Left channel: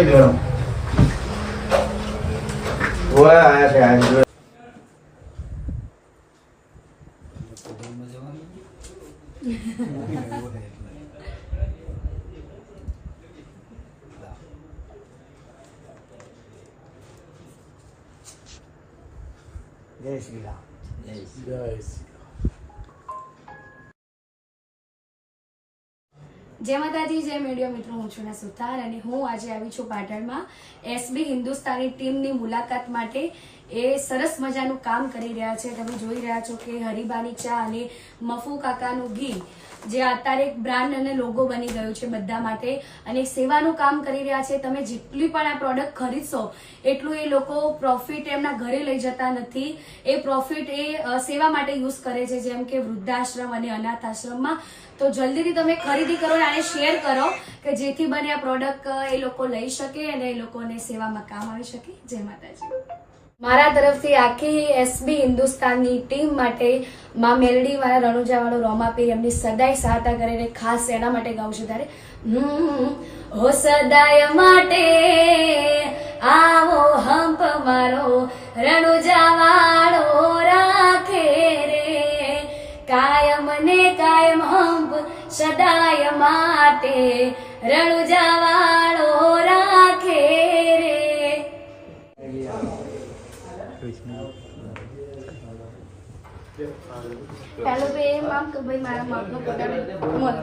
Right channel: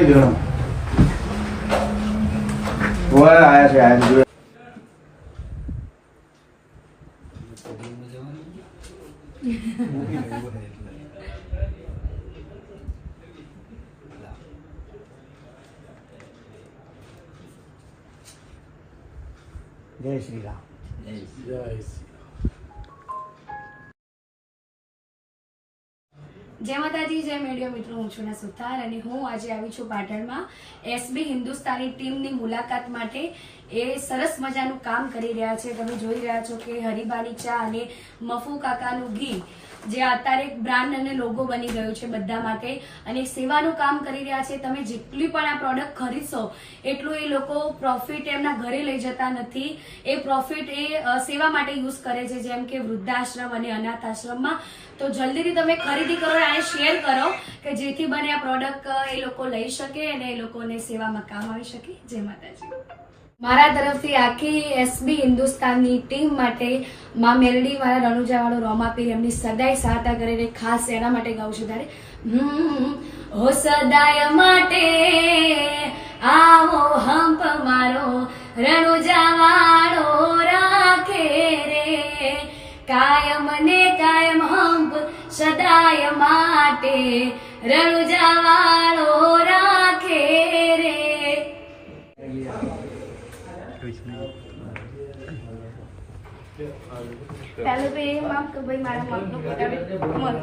કહી દો એમ. ગોળ આયા છે આ જો. જય શ્રી રામ. જય માતાજી, જય મીડિયા મિત્રો, હું છું સુથાર અને હું આજે આવી છું પાટણમાં એસબી હિન્દુસ્તાની ટીમની મુલાકાત માટે. એ સરસ મજાનું કામ કરી રહ્યા છે. તમે જોઈ રહ્યા છો કે હરીબાની ચા અને મફુ કાકાનું ઘી જે અત્યારે એક બ્રાન્ડ અને લોગો બની ગયો છે બધા માટે અને સેવાનું કામ કરી રહ્યા છે. તમે જેટલી પણ આ પ્રોડક્ટ ખરીદશો એટલું એ લોકો પ્રોફિટ એમના ઘરે લઈ જતા નથી. એ પ્રોફિટ એ સેવા માટે યુઝ કરે છે, જેમ કે વૃદ્ધાશ્રમ અને અનાથ આશ્રમમાં. તો જલ્દીથી તમે ખરીદી કરો અને શેર કરો કે જેથી બને આ પ્રોડક્ટ એ લોકો લઈ શકે અને એ લોકોને સેવામાં કામ આવી શકે. જય માતાજી. મારા તરફથી આખી એસબી હિન્દુસ્તાનની ટીમ માટે માં મેલડી વાળા રણુજા વાળો રોમાપીર એમની સદાય સહાયતા કરીને ખાસ એના માટે ગાઉં છું. ત્યારે હો સદાય માટે આવો હંપ મારો રણુજા વાળો રાખે રે, કાયમ ને કાયમ હંપ સદાય માટે રણુજા વાળો રાખે રે. હેલો બે આમ તો ભાઈ મારા મગનો પકડ મત